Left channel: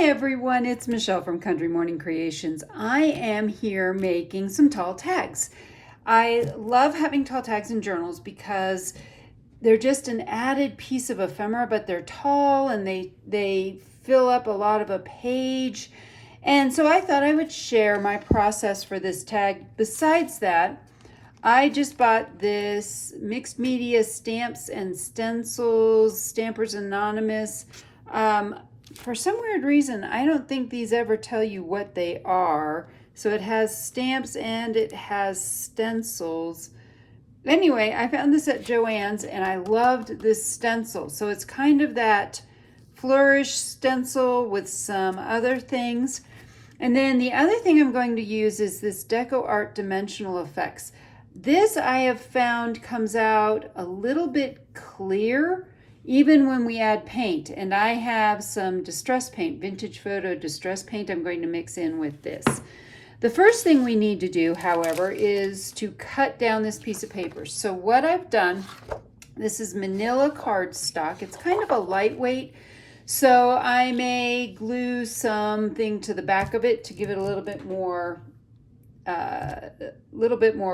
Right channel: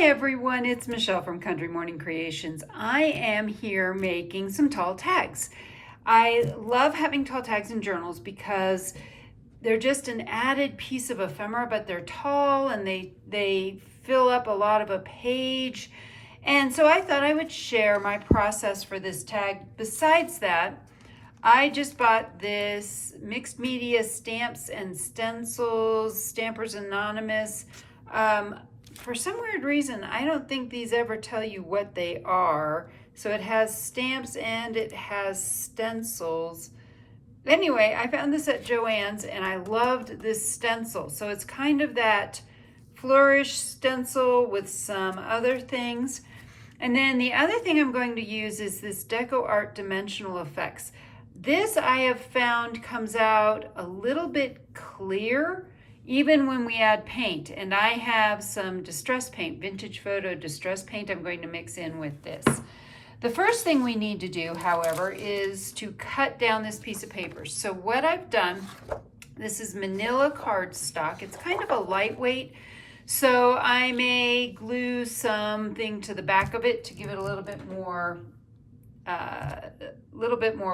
Hi everyone, it's Michelle from Country Morning Creations. I am here making some tall tags. I love having tall tags in journals because they're just an added piece of ephemera, but they're tall and they fill up a lot of a page. And so I thought I would share my process for this tag. Besides that, I just bought this mixed media stamps and stencils, Stampers Anonymous. For some weird reason, I don't think these ever tell you what they are. So it has stamps and it has stencils. Anyway, I found this at Joann's and I loved this stencil. So it's kind of that flourish stencil with some other things. And then the other thing I'm going to use is this Deco Art Dimensional Effects. This I have found comes out a little bit clear even when we add paint, and I have some distress paint, vintage photo distress paint I'm going to mix in with this. The first thing we need to do, however, is to cut down this piece of paper. So what I've done, this is manila cardstock. It's kind of a lightweight, so I may glue something to the back of it to give it a little bit more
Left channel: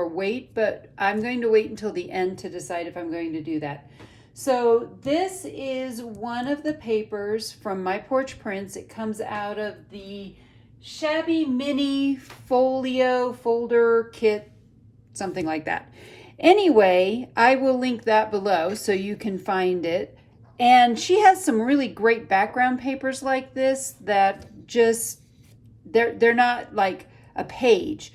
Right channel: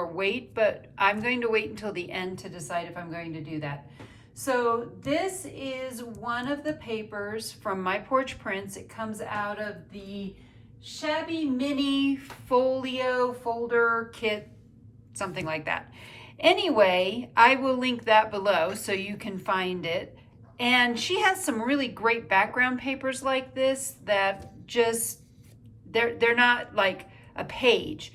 weight, but I'm going to wait until the end to decide if I'm going to do that. So this is one of the papers from My Porch Prints. It comes out of the Shabby Mini Folio Folder Kit, something like that. Anyway, I will link that below so you can find it. And she has some really great background papers like this that just, they're not like a page.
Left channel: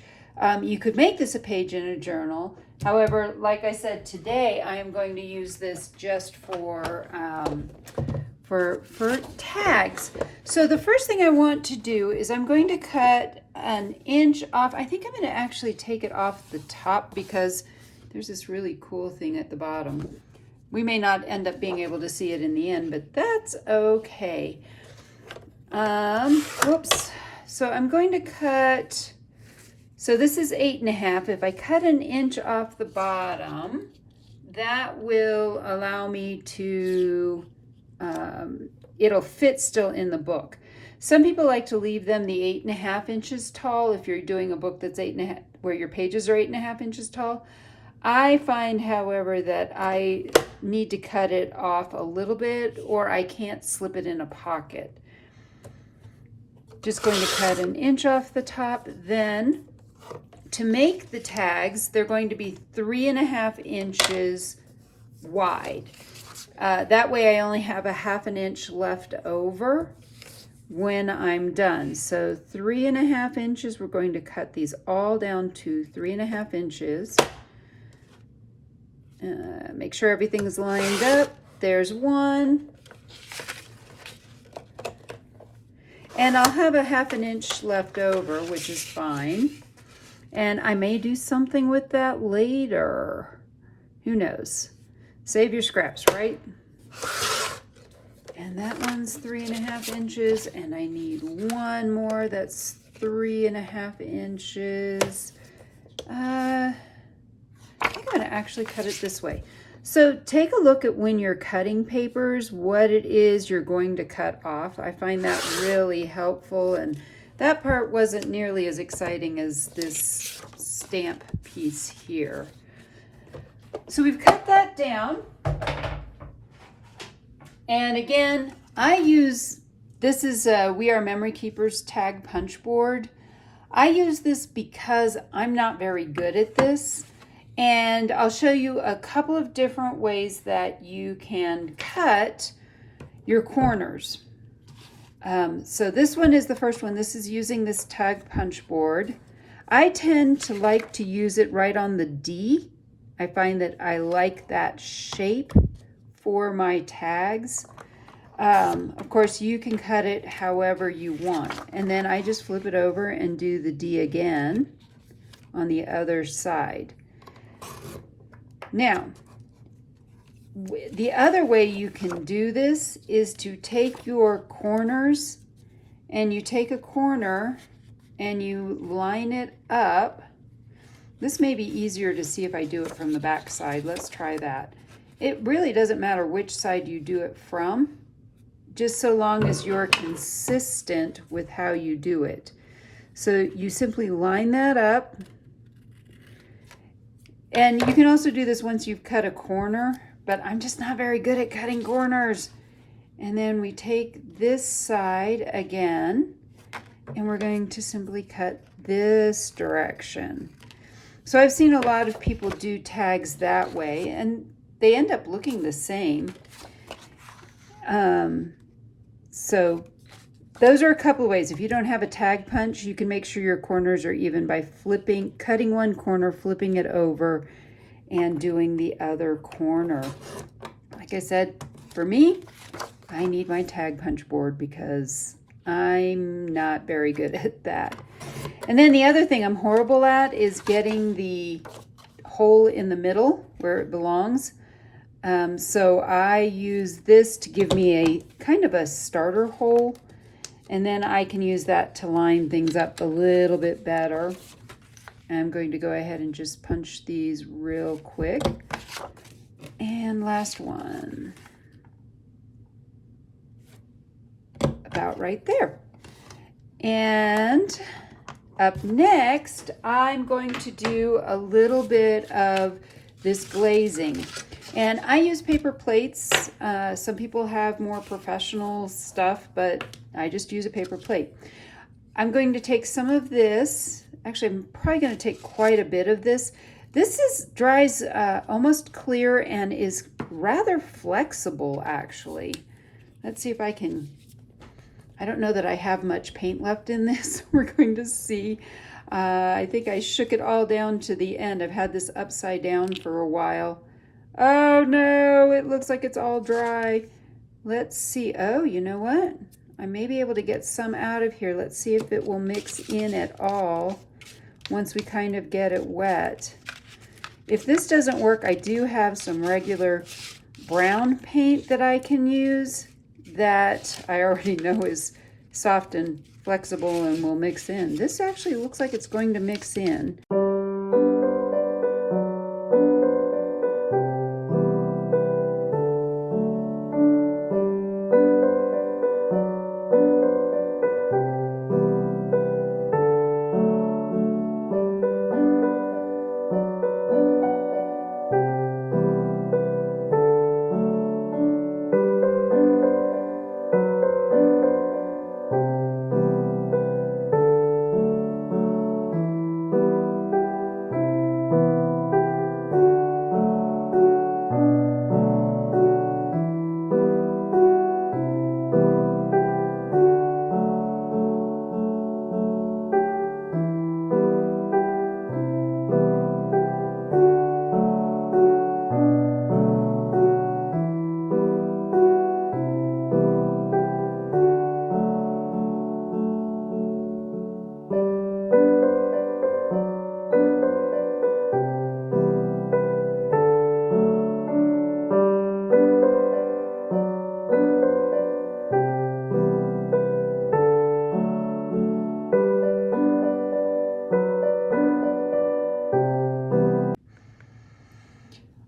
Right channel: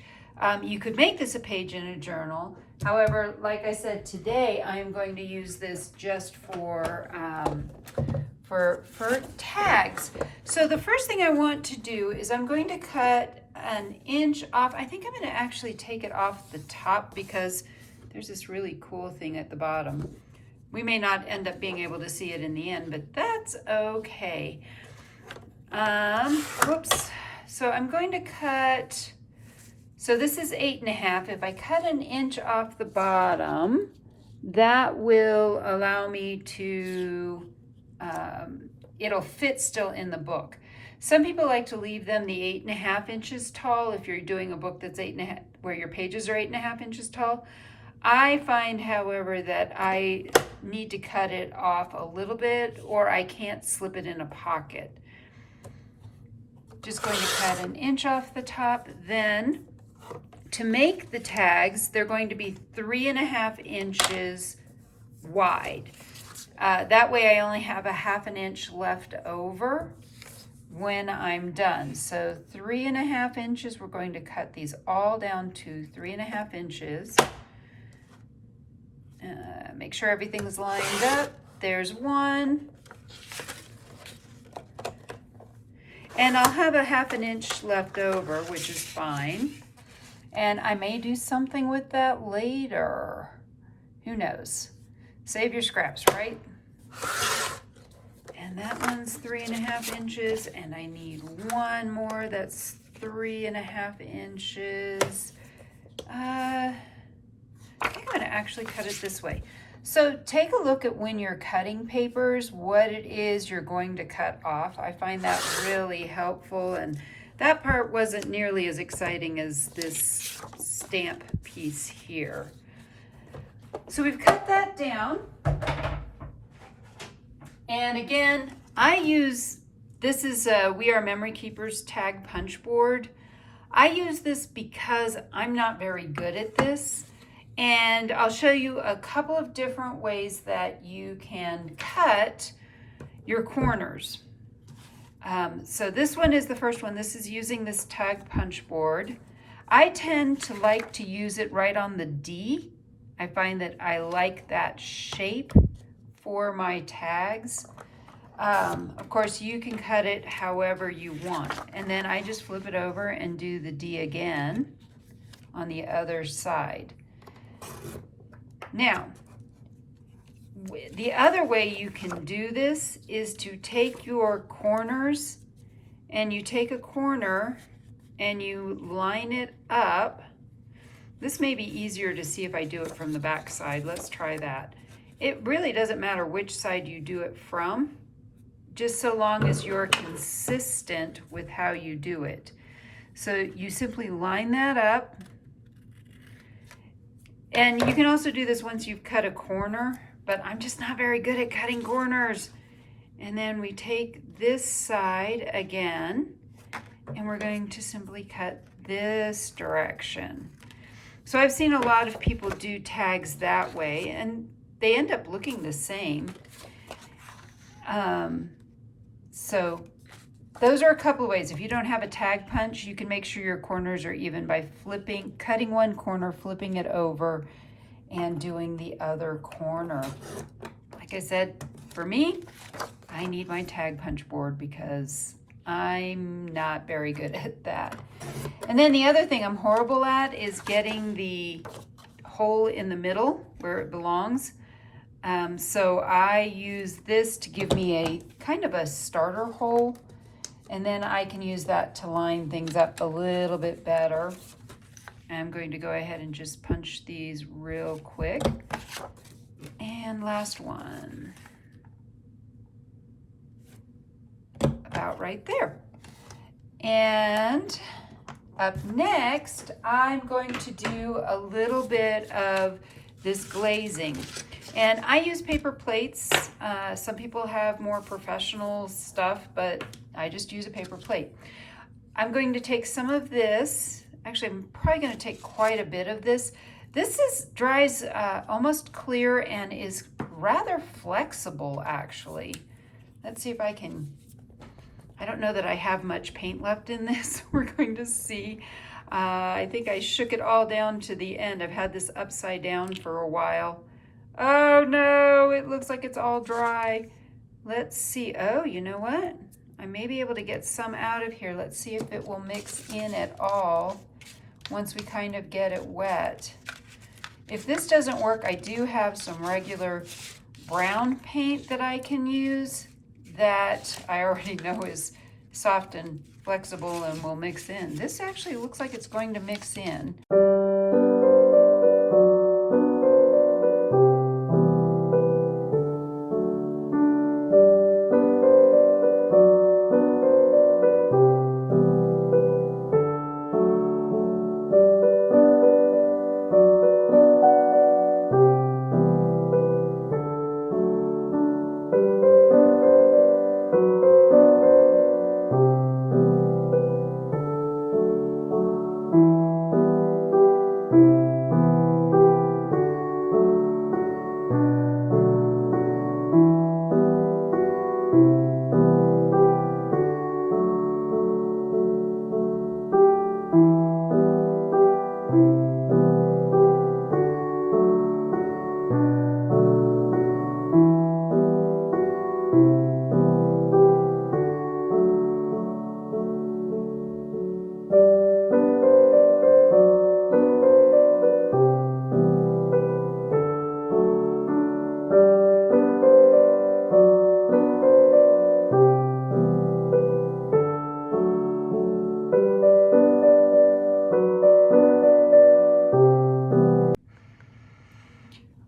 You could make this a page in a journal. However, like I said, today I am going to use this just for tags. So the first thing I want to do is I'm going to cut an inch off. I think I'm going to actually take it off the top because there's this really cool thing at the bottom. We may not end up being able to see it in the end, but that's okay. Whoops. So I'm going to cut, so this is 8.5. If I cut an inch off the bottom, that will allow me to, it'll fit still in the book. Some people like to leave them the 8.5 inches tall if you're doing a book that's 8.5, where your pages are 8.5 inches tall. I find, however, that I need to cut it off a little bit or I can't slip it in a pocket. Just going to cut an inch off the top. Then to make the tags, they're going to be 3.5 inches wide. That way I only have a 1/2 inch left over when I'm done. So 3.5 inches, we're going to cut these all down to 3.5 inches. Make sure everything's lined up. There's one. And I'll have a 1/2 inch left over, which is fine. And I may do something with that later. Who knows? Save your scraps, right? And that one's 3.5 inches, and I need one more that's 3.5 inches. I think I'm gonna actually cut it this way. So take a look at when you're cutting papers, what it is you're going to cut off. I find that really helpful, and that part wasn't nearly as exciting as this stamp piece here. So we've cut that down. And again, I use, this is We Are Memory Keepers tag punch board. I use this because I'm not very good at this. And I'll show you a couple of different ways that you can cut your corners. So this one is the first one. This is using this tag punch board. I tend to like to use it right on the D. I find that I like that shape for my tags. Of course, you can cut it however you want. And then I just flip it over and do the D again on the other side. Now, the other way you can do this is to take your corners and you take a corner and you line it up. This may be easier to see if I do it from the back side. Let's try that. It really doesn't matter which side you do it from, just so long as you're consistent with how you do it. So you simply line that up. And you can also do this once you've cut a corner, but I'm just not very good at cutting corners. And then we take this side again, and we're going to simply cut this direction. So I've seen a lot of people do tags that way, and they end up looking the same. So those are a couple of ways. If you don't have a tag punch, you can make sure your corners are even by cutting one corner, flipping it over, and doing the other corner. Like I said, for me, I need my tag punch board because I'm not very good at that. And then the other thing I'm horrible at is getting the hole in the middle where it belongs. So I use this to give me a kind of a starter hole, and then I can use that to line things up a little bit better. I'm going to go ahead and just punch these real quick. And last one. About right there. And up next, I'm going to do a little bit of this glazing. And I use paper plates. Some people have more professional stuff, but I just use a paper plate. I'm going to take some of this. Actually, I'm probably going to take quite a bit of this. This dries almost clear and is rather flexible, actually. Let's see if I can. I don't know that I have much paint left in this. We're going to see. I think I shook it all down to the end. I've had this upside down for a while. Oh no, it looks like it's all dry. Let's see. Oh, you know what? I may be able to get some out of here. Let's see if it will mix in at all once we kind of get it wet. If this doesn't work, I do have some regular brown paint that I can use that I already know is soft and flexible and will mix in. This actually looks like it's going to mix in.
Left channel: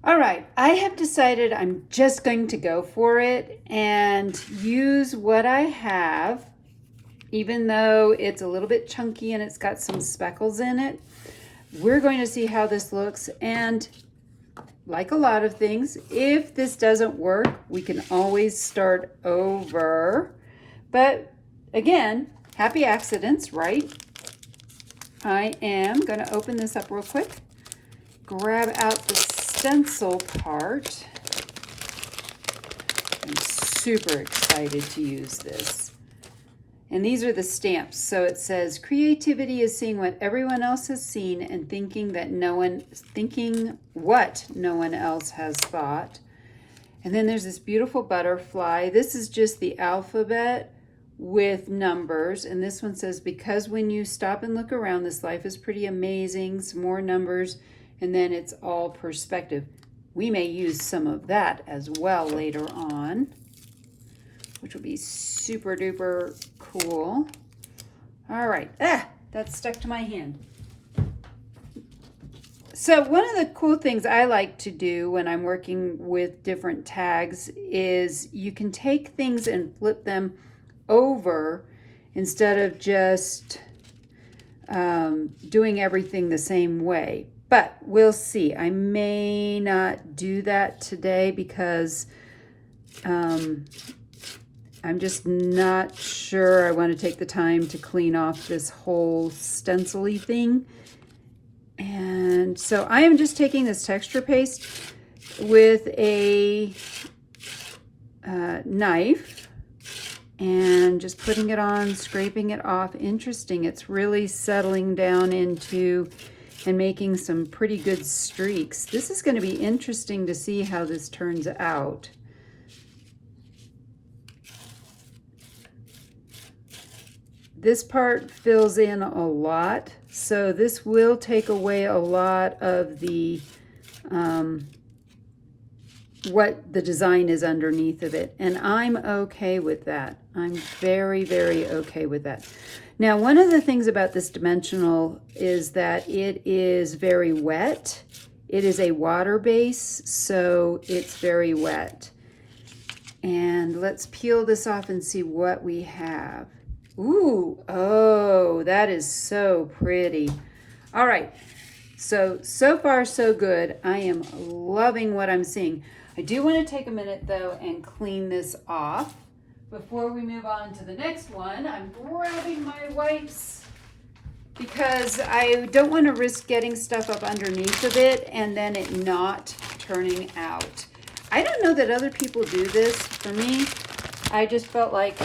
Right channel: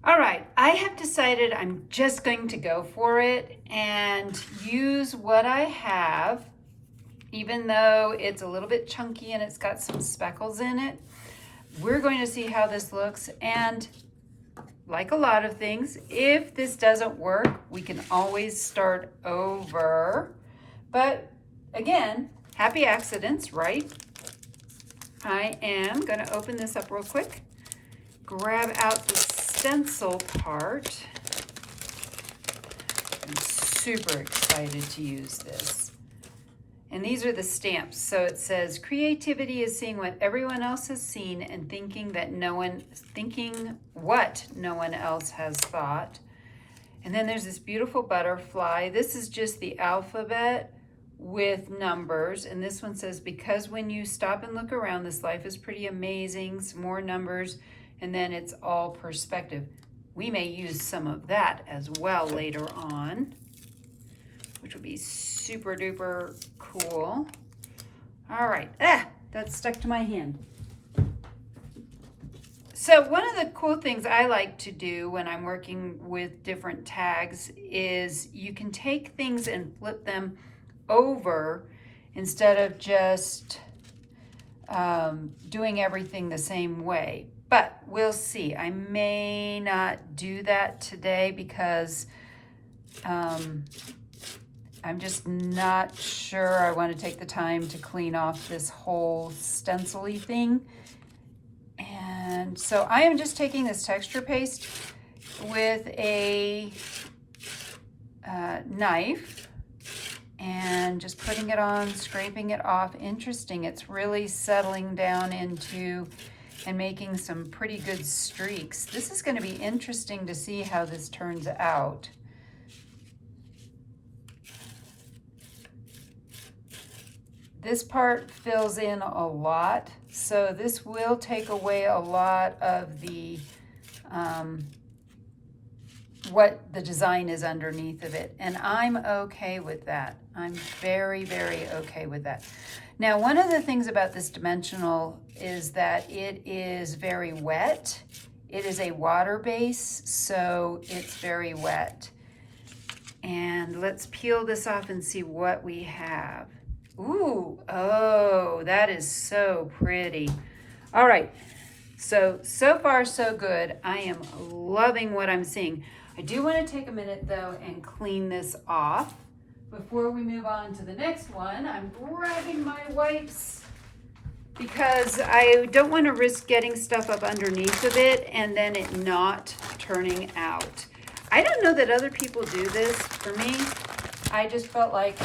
All right, I have decided I'm just going to go for it and use what I have, even though it's a little bit chunky and it's got some speckles in it. We're going to see how this looks, and like a lot of things, if this doesn't work, we can always start over. But again, happy accidents, right? I am going to open this up real quick, grab out the stencil part. I'm super excited to use this. And these are the stamps. So it says, creativity is seeing what everyone else has seen and thinking what no one else has thought. And then there's this beautiful butterfly. This is just the alphabet with numbers. And this one says, because when you stop and look around, this life is pretty amazing. Some more numbers. And then it's all perspective. We may use some of that as well later on, which will be super duper cool. All right, that stuck to my hand. So one of the cool things I like to do when I'm working with different tags is you can take things and flip them over instead of just doing everything the same way. But we'll see. I may not do that today because I'm just not sure I want to take the time to clean off this whole stencil-y thing. And so I am just taking this texture paste with a knife and just putting it on, scraping it off. Interesting, it's really settling down into and making some pretty good streaks. This is going to be interesting to see how this turns out. This part fills in a lot, so this will take away a lot of the what the design is underneath of it, and I'm okay with that. I'm very, very okay with that. Now, one of the things about this dimensional is that it is very wet. It is a water base, so it's very wet. And let's peel this off and see what we have. Ooh, oh, that is so pretty. All right, so far so good. I am loving what I'm seeing. I do want to take a minute though and clean this off. Before we move on to the next one, I'm grabbing my wipes because I don't want to risk getting stuff up underneath of it and then it not turning out. I don't know that other people do this. For me, I just felt like,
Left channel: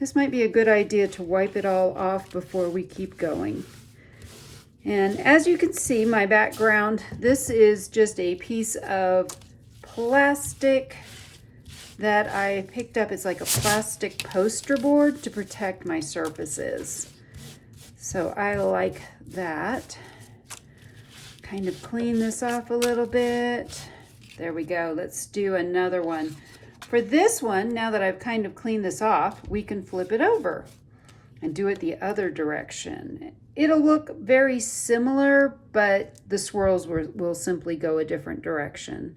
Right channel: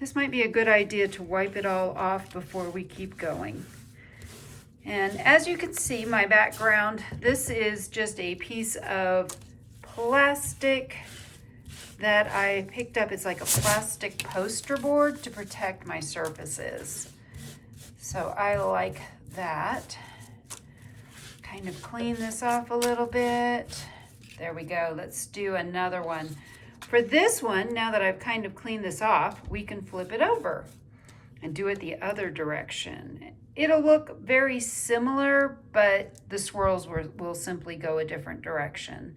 this might be a good idea to wipe it all off before we keep going. And as you can see, my background, this is just a piece of plastic that I picked up. It's like a plastic poster board to protect my surfaces. So I like that. Kind of clean this off a little bit. There we go. Let's do another one. For this one, now that I've kind of cleaned this off, we can flip it over and do it the other direction. It'll look very similar, but the swirls will simply go a different direction.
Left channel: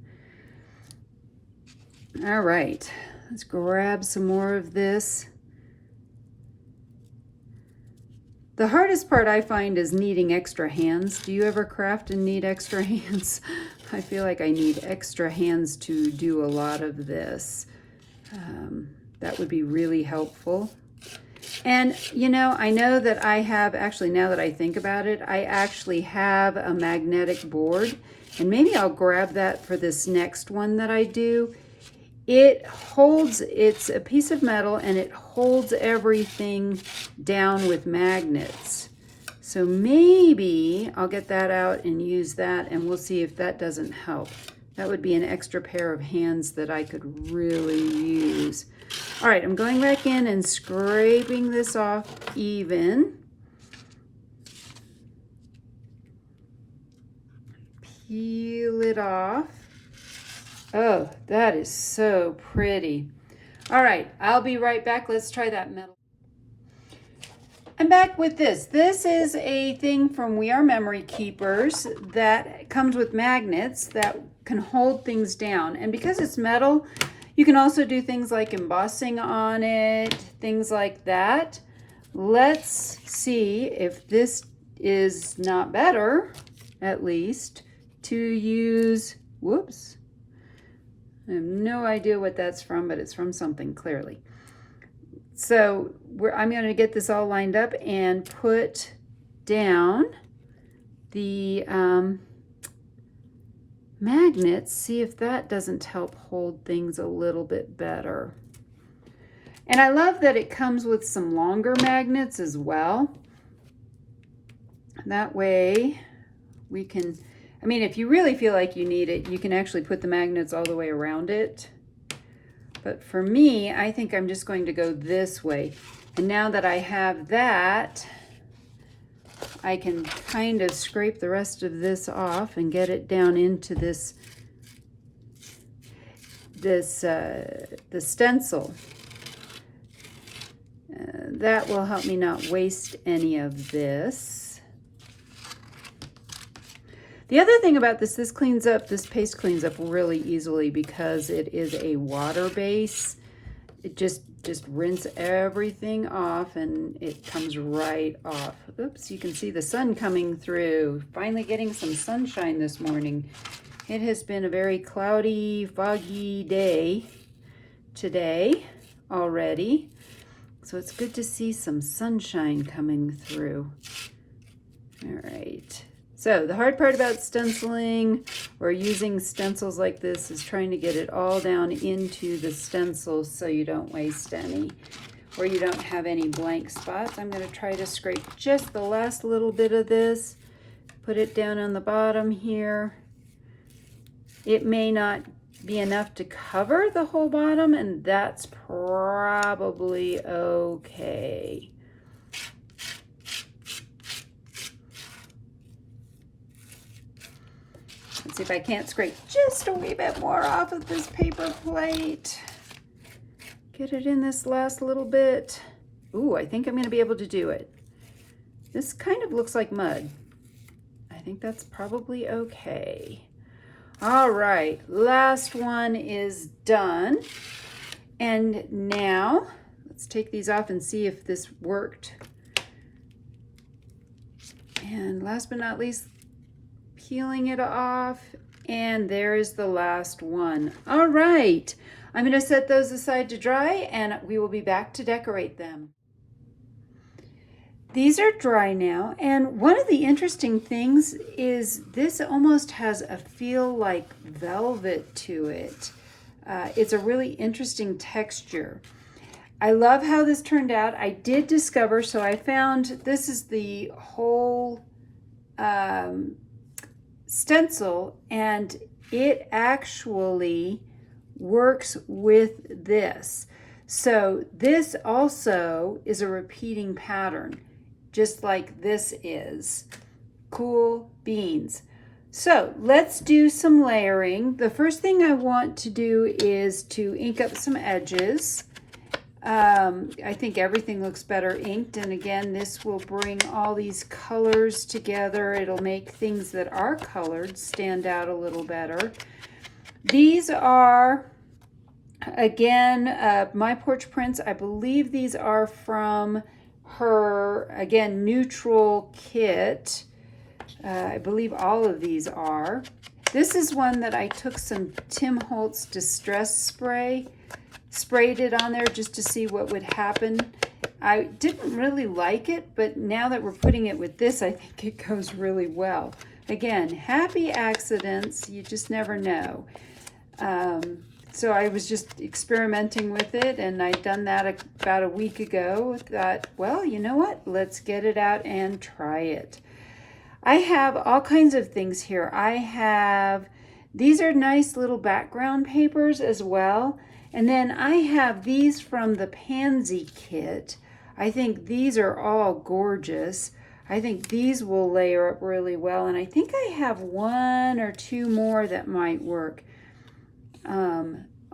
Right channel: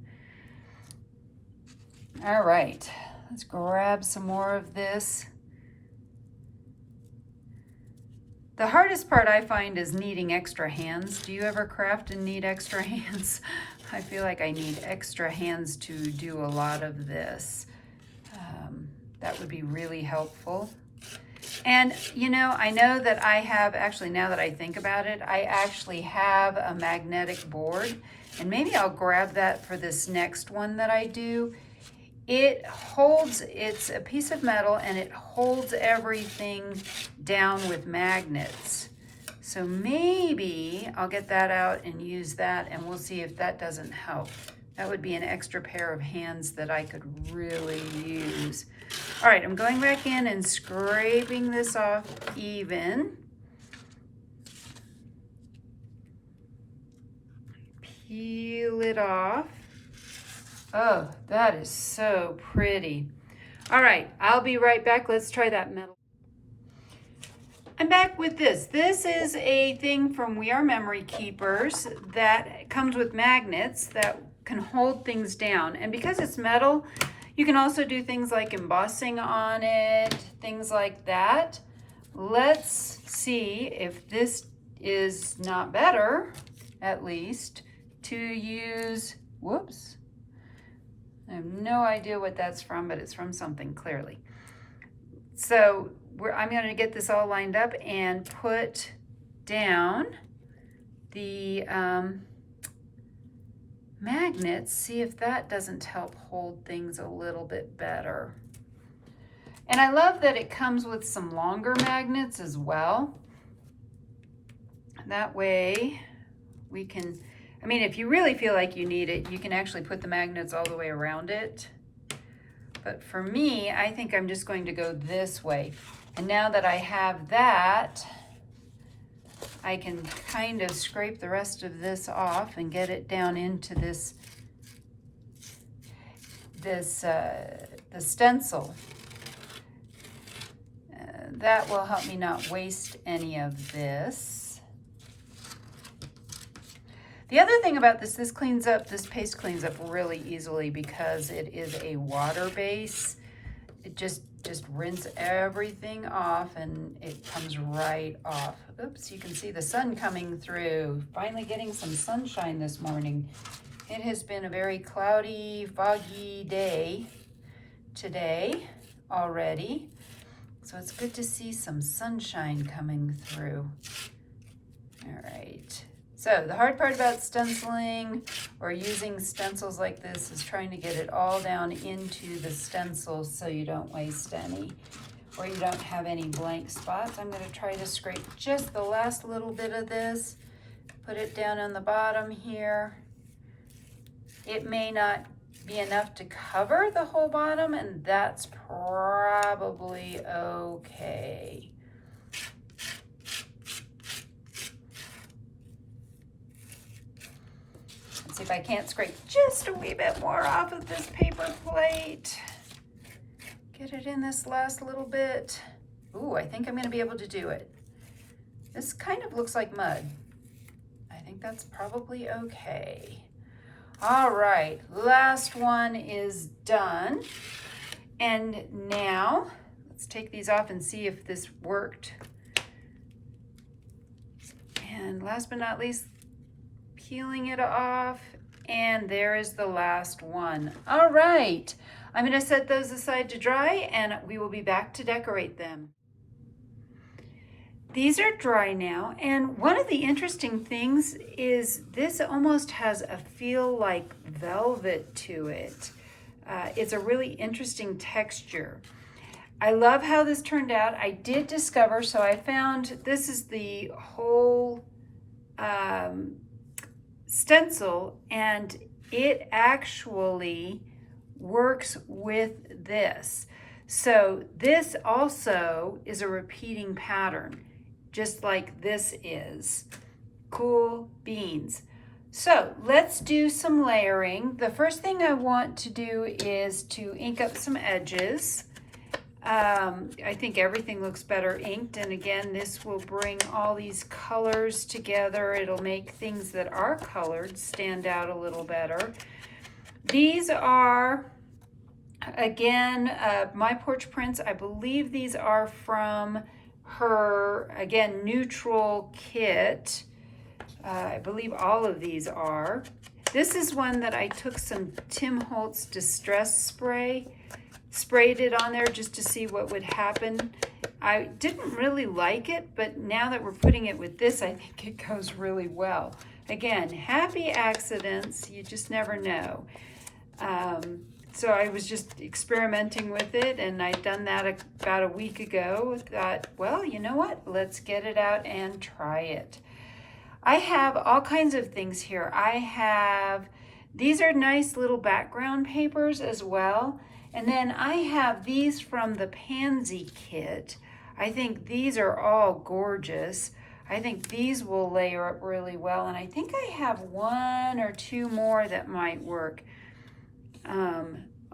All right, let's grab some more of this. The hardest part I find is needing extra hands. Do you ever craft and need extra hands? I feel like I need extra hands to do a lot of this. That would be really helpful. And you know, I know that I have, actually now that I think about it, I actually have a magnetic board, and maybe I'll grab that for this next one that I do. It holds, it's a piece of metal and it holds everything down with magnets. So maybe I'll get that out and use that, and we'll see if that doesn't help. That would be an extra pair of hands that I could really use. All right, I'm going back in and scraping this off even. Peel it off. Oh, that is so pretty. All right, I'll be right back. Let's try that metal. I'm back with this. This is a thing from We Are Memory Keepers that comes with magnets that can hold things down. And because it's metal, you can also do things like embossing on it, things like that. Let's see if this is not better, at least, to use, whoops. I have no idea what that's from, but it's from something clearly. So I'm going to get this all lined up and put down the magnets, see if that doesn't help hold things a little bit better. And I love that it comes with some longer magnets as well. That way we can, I mean, if you really feel like you need it, you can actually put the magnets all the way around it. But for me, I think I'm just going to go this way. And now that I have that, I can kind of scrape the rest of this off and get it down into the stencil. That will help me not waste any of this. The other thing about this cleans up, this paste cleans up really easily because it is a water base. It just rinse everything off and it comes right off. Oops, you can see the sun coming through. Finally getting some sunshine this morning. It has been a very cloudy, foggy day today already. So it's good to see some sunshine coming through. All right. So the hard part about stenciling or using stencils like this is trying to get it all down into the stencil so you don't waste any or you don't have any blank spots. I'm going to try to scrape just the last little bit of this, put it down on the bottom here. It may not be enough to cover the whole bottom, and that's probably okay. Let's see if I can't scrape just a wee bit more off of this paper plate. Get it in this last little bit. Ooh, I think I'm going to be able to do it. This kind of looks like mud. I think that's probably okay. All right, last one is done. And now let's take these off and see if this worked. And last but not least, peeling it off, and there is the last one. All right, I'm going to set those aside to dry and we will be back to decorate them. These are dry now, and one of the interesting things is this almost has a feel like velvet to it. It's a really interesting texture. I love how this turned out. I did discover, so I found this is the whole stencil, and it actually works with this. So this also is a repeating pattern, just like this is. Cool beans. So let's do some layering. The first thing I want to do is to ink up some edges. I think everything looks better inked, and again, this will bring all these colors together. It'll make things that are colored stand out a little better. These are, again, My Porch Prints. I believe these are from her, again, neutral kit. I believe all of these are. This is one that I took some Tim Holtz Distress Spray, sprayed it on there just to see what would happen. I didn't really like it, but now that we're putting it with this, I think it goes really well. Again, happy accidents, you just never know. So I was just experimenting with it, and I'd done that about a week ago. Thought, well, you know what? Let's get it out and try it. I have all kinds of things here. These are nice little background papers as well. And then I have these from the Pansy kit. I think these are all gorgeous. I think these will layer up really well. And I think I have one or two more that might work.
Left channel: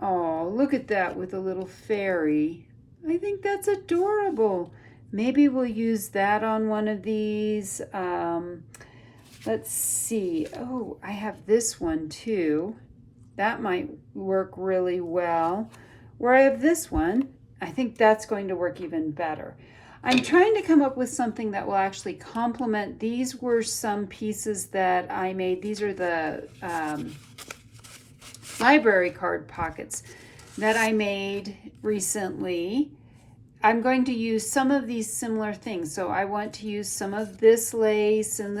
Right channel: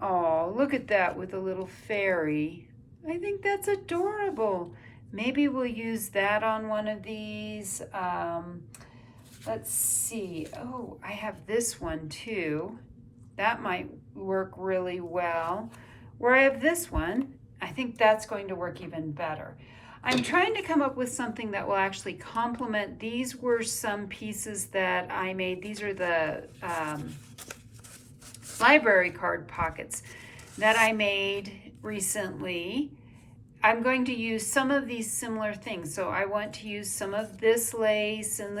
Oh, look at that with a little fairy. I think that's adorable. Maybe we'll use that on one of these. Let's see. Oh, I have this one too. That might work really well. Where I have this one, I think that's going to work even better. I'm trying to come up with something that will actually complement. These were some pieces that I made. These are the library card pockets that I made recently. I'm going to use some of these similar things. So I want to use some of this lace, and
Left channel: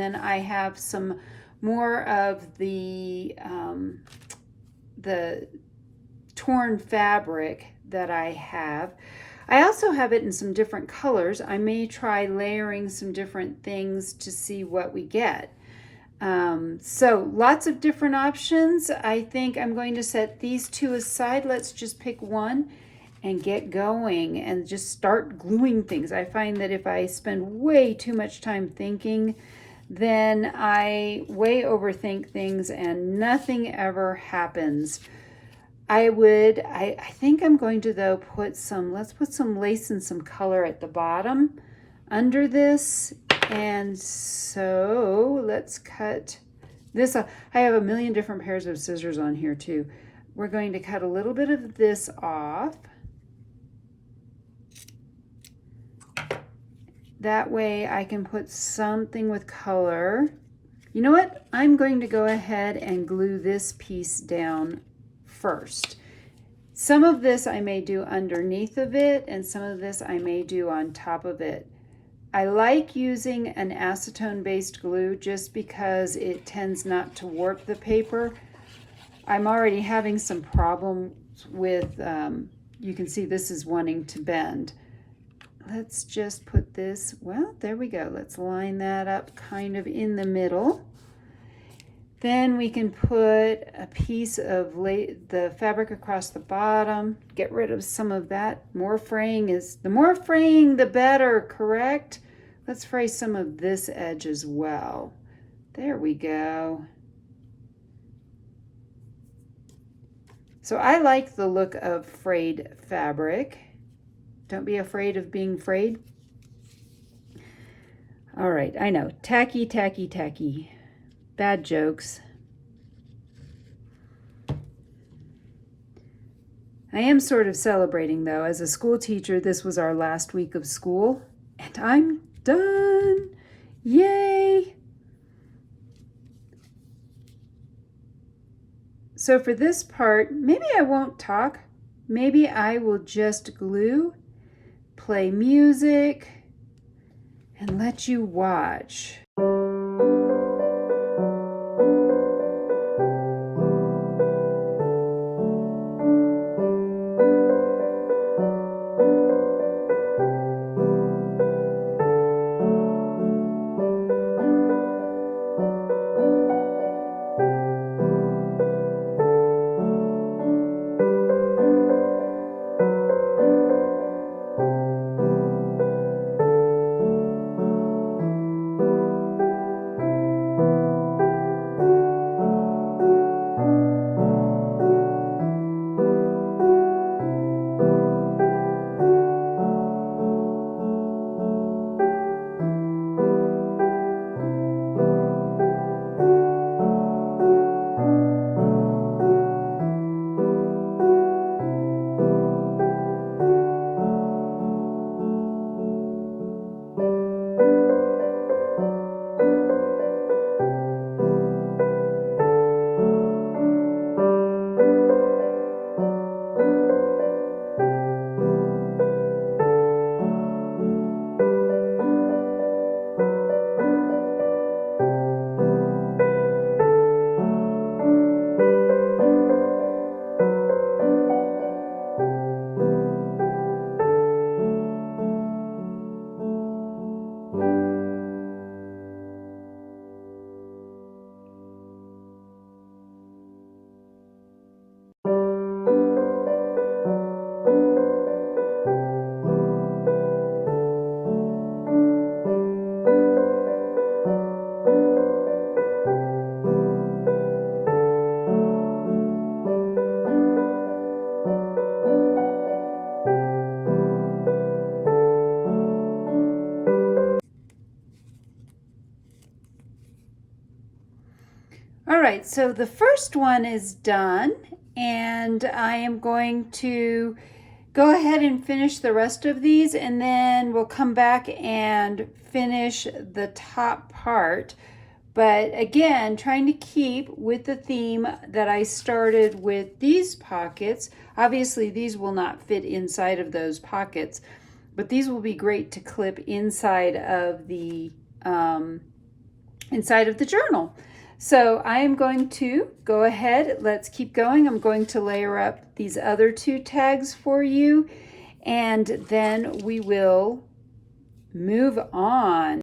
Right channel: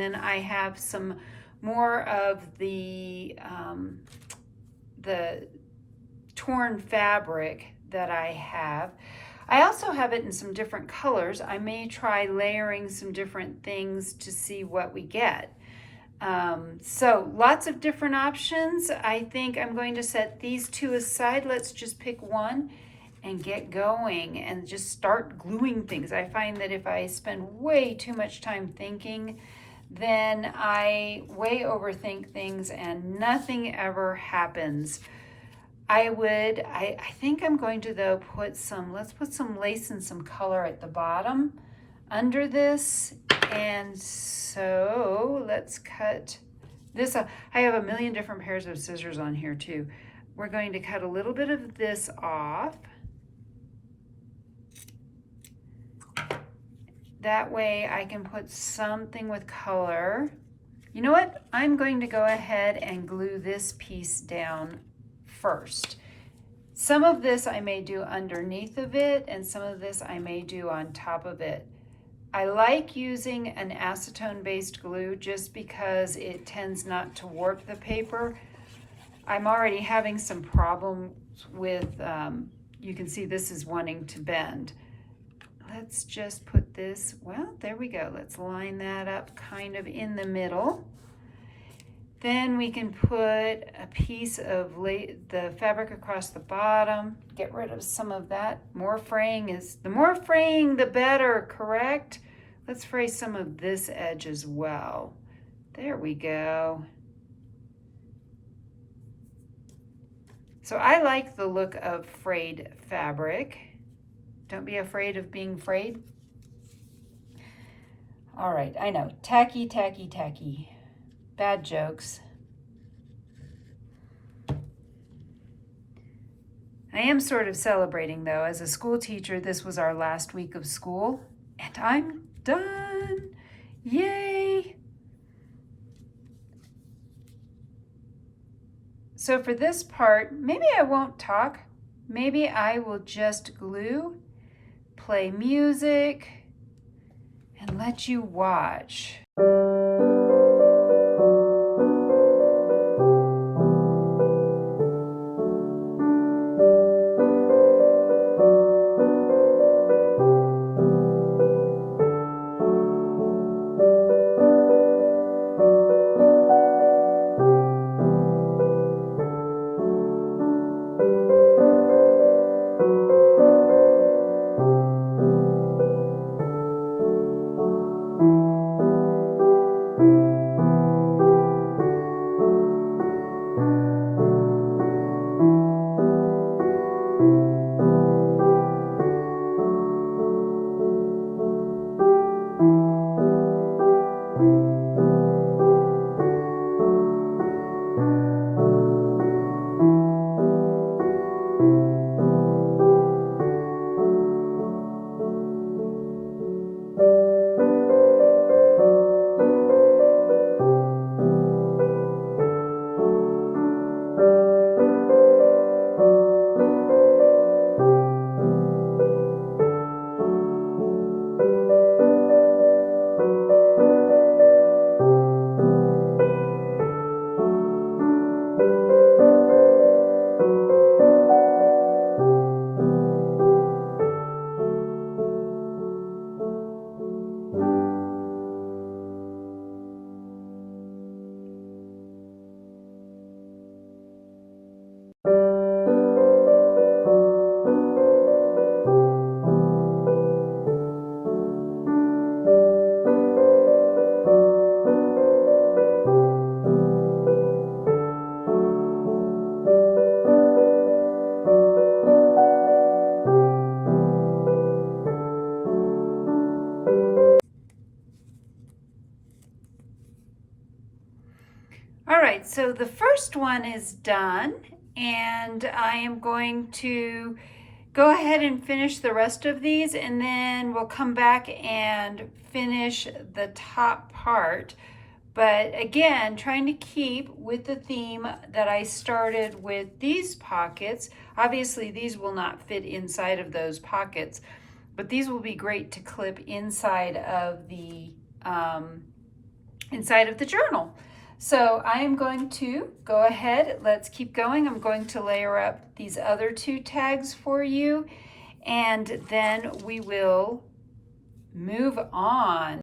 then I have some more of the torn fabric that I have. I also have it in some different colors. I may try layering some different things to see what we get. So lots of different options. I think I'm going to set these two aside. Let's just pick one and get going and just start gluing things. I find that if I spend way too much time thinking, then I way overthink things and nothing ever happens. I think I'm going to though let's put some lace and some color at the bottom. under this. And so let's cut this off. I have a million different pairs of scissors on here too. We're going to cut a little bit of this off. That way I can put something with color. You know what? I'm going to go ahead and glue this piece down first. Some of this I may do underneath of it, and some of this I may do on top of it. I like using an acetone-based glue just because it tends not to warp the paper. I'm already having some problems with, you can see this is wanting to bend. Let's just put this, well, there we go. Let's line that up kind of in the middle. Then we can put a piece of the fabric across the bottom, get rid of some of that. More fraying the more fraying, the better, correct? Let's fray some of this edge as well. There we go. So I like the look of frayed fabric. Don't be afraid of being frayed. All right, I know, tacky, tacky, tacky. Bad jokes. I am sort of celebrating though. As a school teacher, this was our last week of school and I'm done. Yay! So for this part, maybe I won't talk. Maybe I will just glue, play music, and let you watch. All right, so the first one is done, and I am going to go ahead and finish the rest of these, and then we'll come back and finish the top part. But again, trying to keep with the theme that I started with these pockets. Obviously, these will not fit inside of those pockets, but these will be great to clip inside of the journal. So I am going to go ahead, let's keep going. I'm going to layer up these other two tags for you, and then we will move on.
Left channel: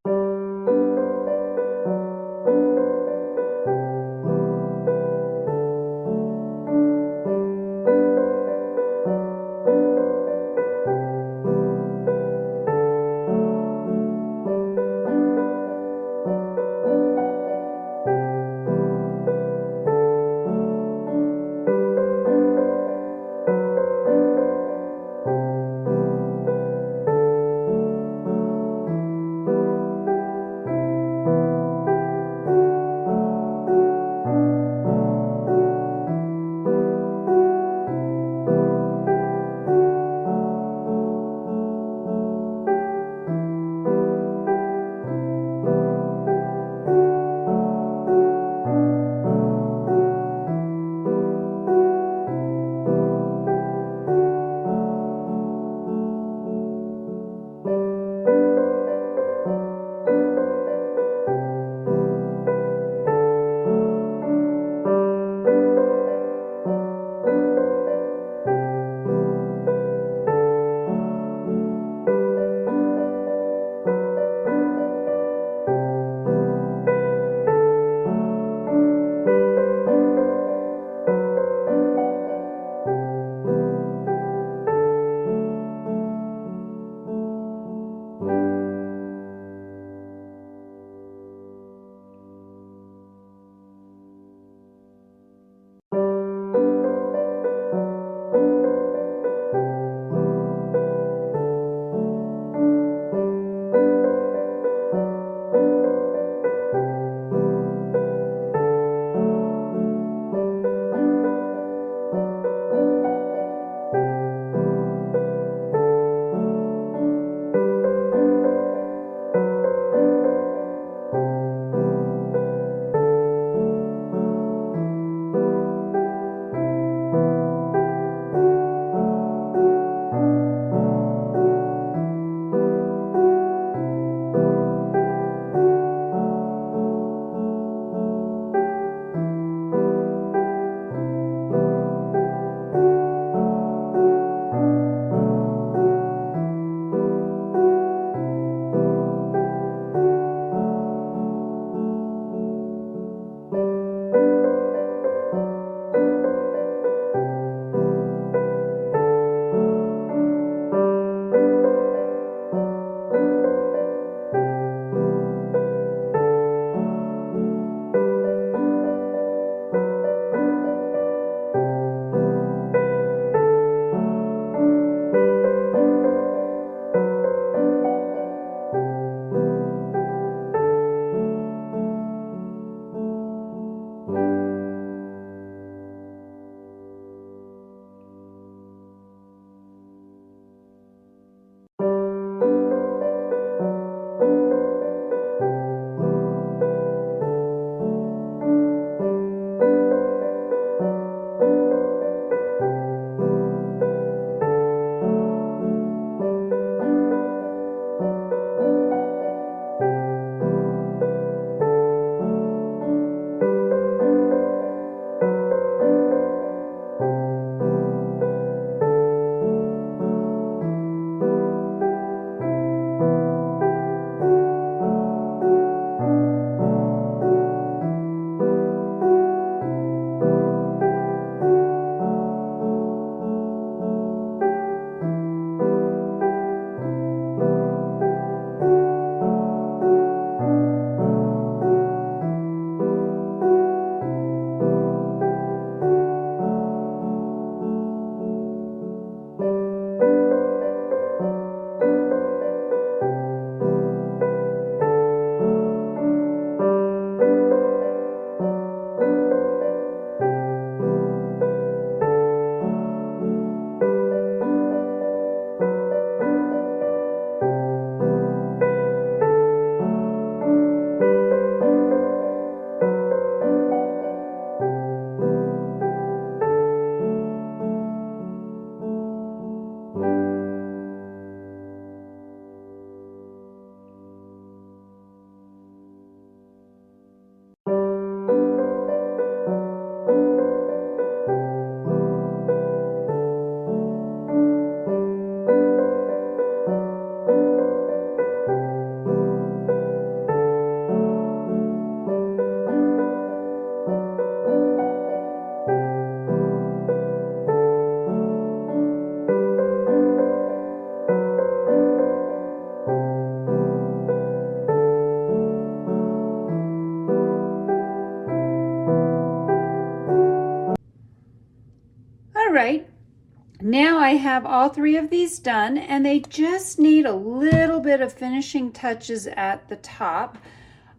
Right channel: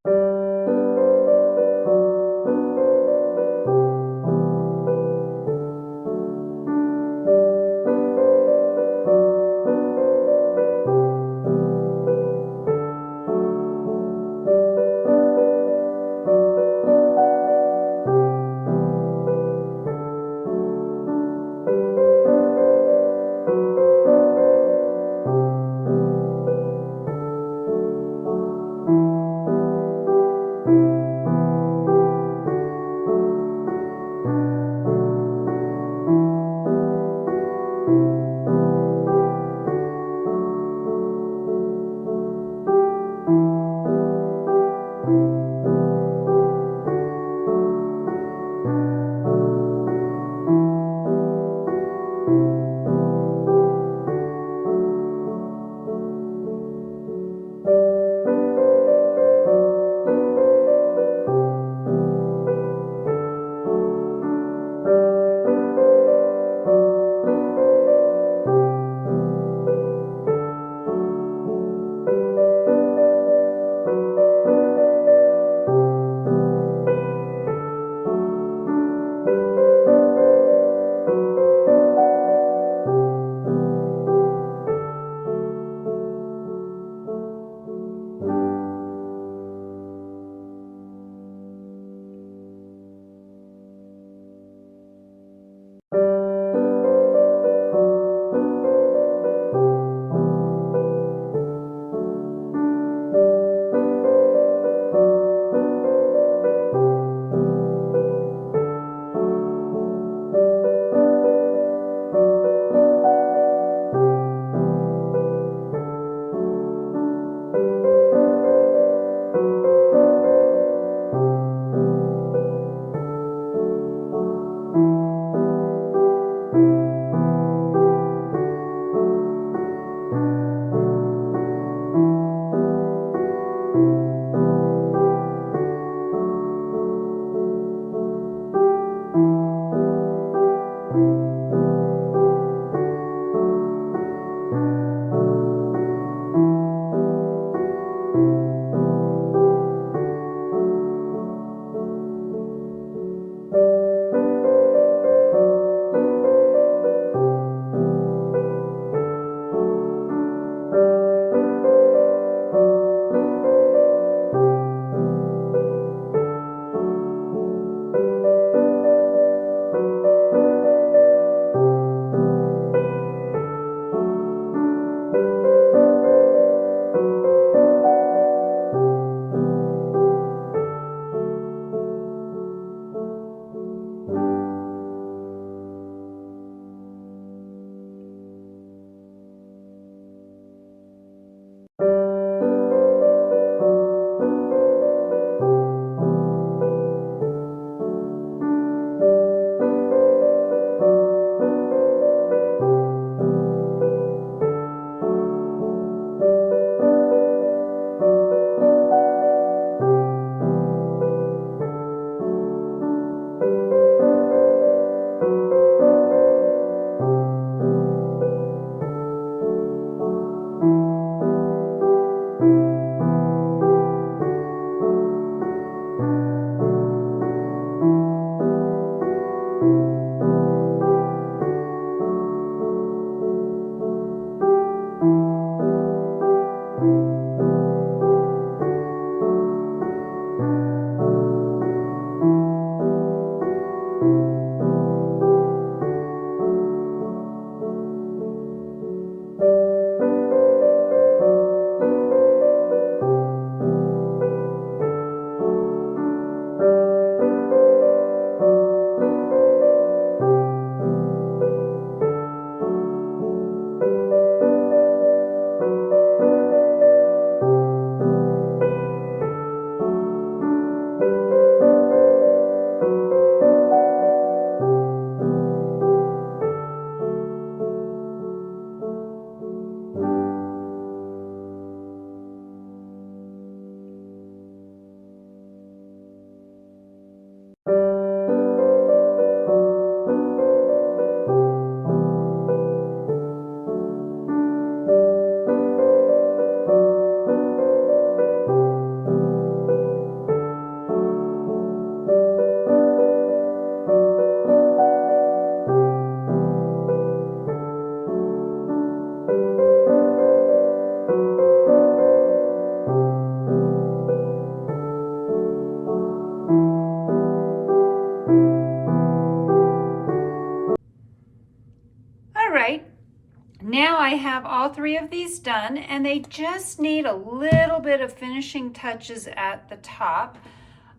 I have all 3 of these done, and they just need a little bit of finishing touches at the top.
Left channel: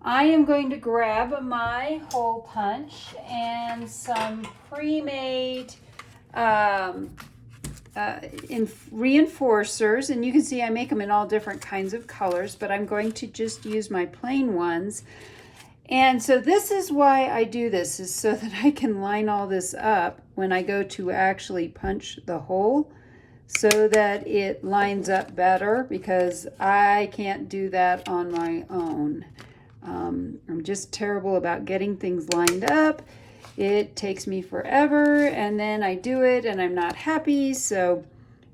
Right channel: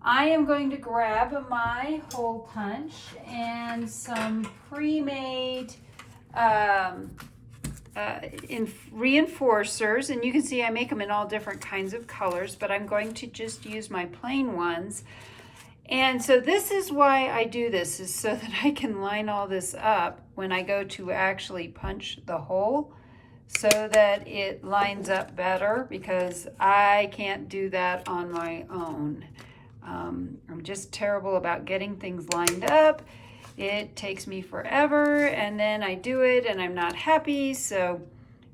I am going to grab my hole punch and some pre-made reinforcers, and you can see I make them in all different kinds of colors, but I'm going to just use my plain ones. And so this is why I do this, is so that I can line all this up when I go to actually punch the hole, so that it lines up better, because I can't do that on my own. I'm just terrible about getting things lined up. It takes me forever, and then I do it and I'm not happy, so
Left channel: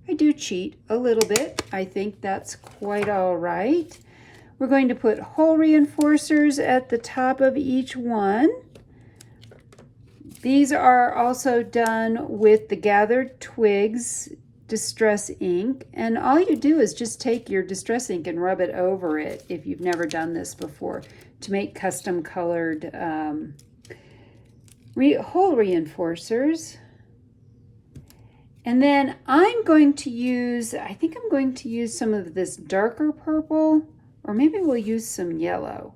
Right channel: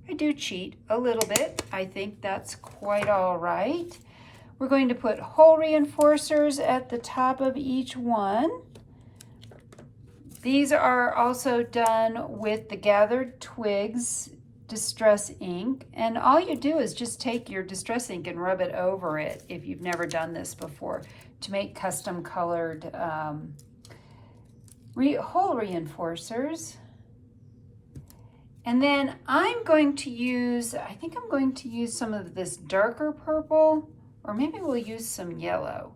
I do cheat a little bit. I think that's quite all right. We're going to put hole reinforcers at the top of each one. These are also done with the Gathered Twigs Distress ink, and all you do is just take your distress ink and rub it over it, if you've never done this before, to make custom colored hole reinforcers. And then I'm going to use, I think I'm going to use some of this darker purple, or maybe we'll use some yellow.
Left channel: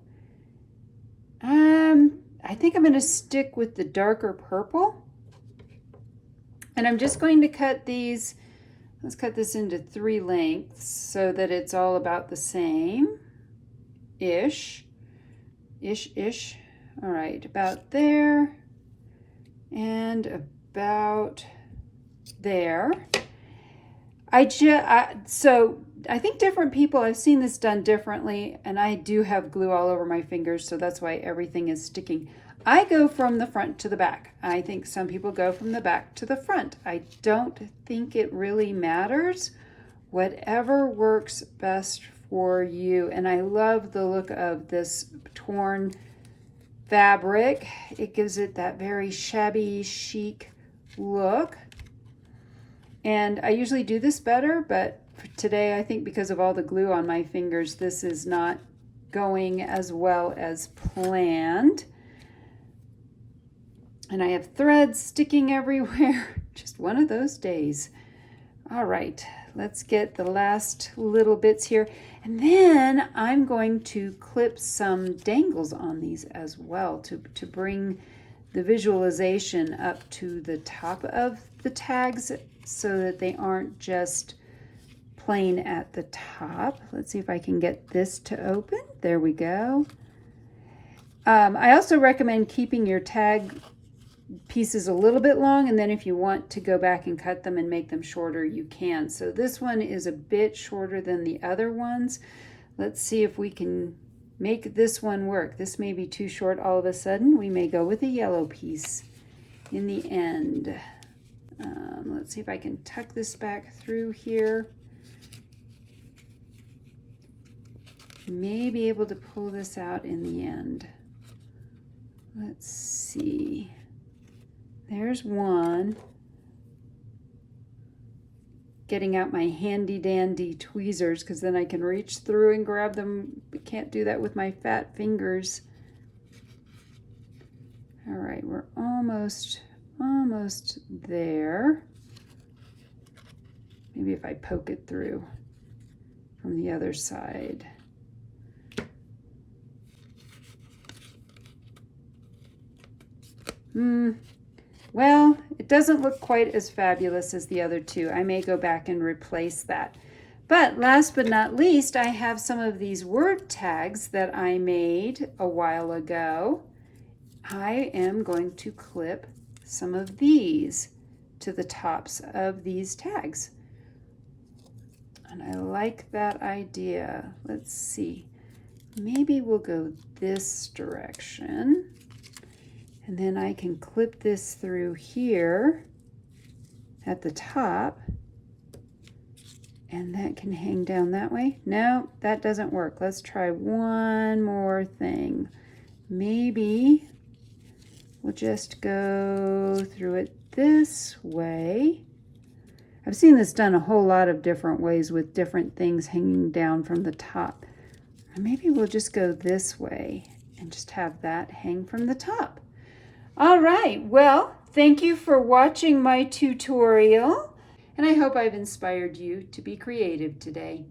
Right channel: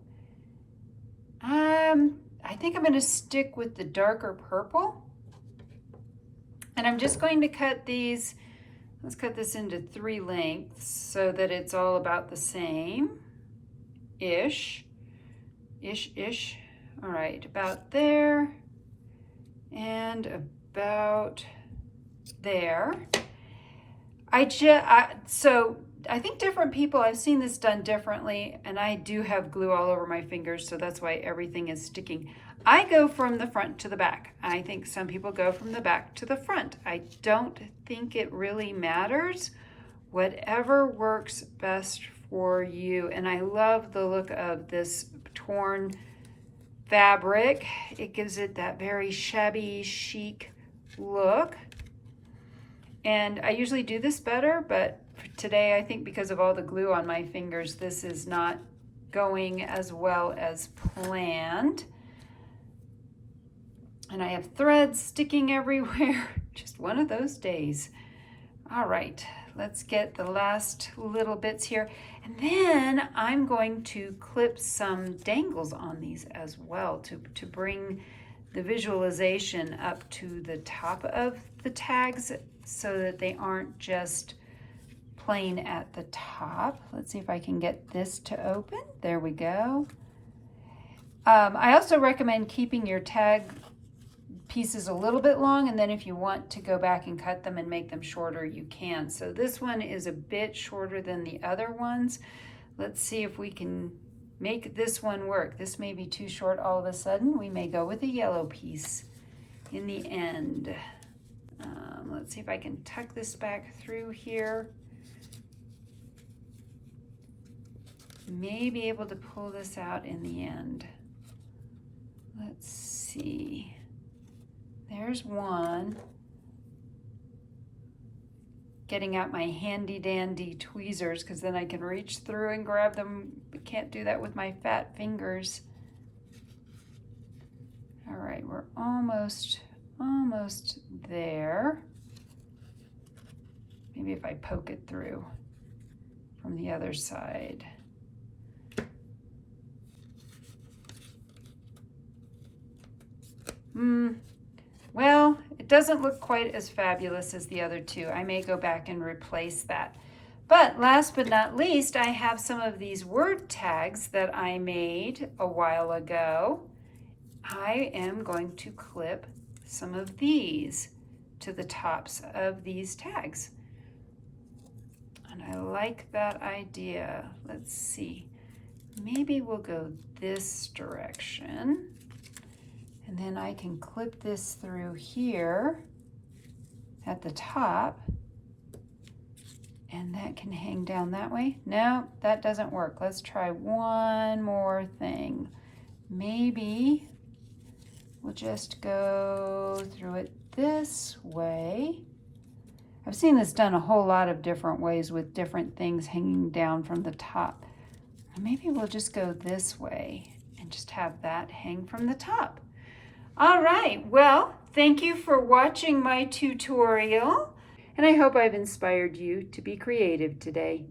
I think I'm going to stick with the darker purple. And I'm just going to cut these, let's cut this into 3 lengths so that it's all about the same-ish. Ish. All right, about there and about there. So I think different people, I've seen this done differently, and I do have glue all over my fingers, so that's why everything is sticking. I go from the front to the back. I think some people go from the back to the front. I don't think it really matters. Whatever works best for you. And I love the look of this torn fabric. It gives it that very shabby chic look. And I usually do this better, but today I think because of all the glue on my fingers, this is not going as well as planned. And I have threads sticking everywhere. Just one of those days. All right, let's get the last little bits here. And then I'm going to clip some dangles on these as well to bring the visualization up to the top of the tags so that they aren't just plain at the top. Let's see if I can get this to open. There we go. I also recommend keeping your tag pieces a little bit long, and then if you want to go back and cut them and make them shorter, you can. So this one is a bit shorter than the other ones. Let's see if we can make this one work. This may be too short all of a sudden. We may go with a yellow piece in the end. Let's see if I can tuck this back through here. May be able to pull this out in the end. Let's see. There's one. Getting out my handy dandy tweezers, because then I can reach through and grab them. I can't do that with my fat fingers. All right, we're almost there. Maybe if I poke it through from the other side. Well, it doesn't look quite as fabulous as the other two. I may go back and replace that. But last but not least, I have some of these word tags that I made a while ago. I am going to clip some of these to the tops of these tags. And I like that idea. Let's see. Maybe we'll go this direction. And then I can clip this through here at the top. And that can hang down that way. No, that doesn't work. Let's try one more thing. Maybe we'll just go through it this way. I've seen this done a whole lot of different ways with different things hanging down from the top. Or maybe we'll just go this way and just have that hang from the top. All right, well, thank you for watching my tutorial. and I hope I've inspired you to be creative today.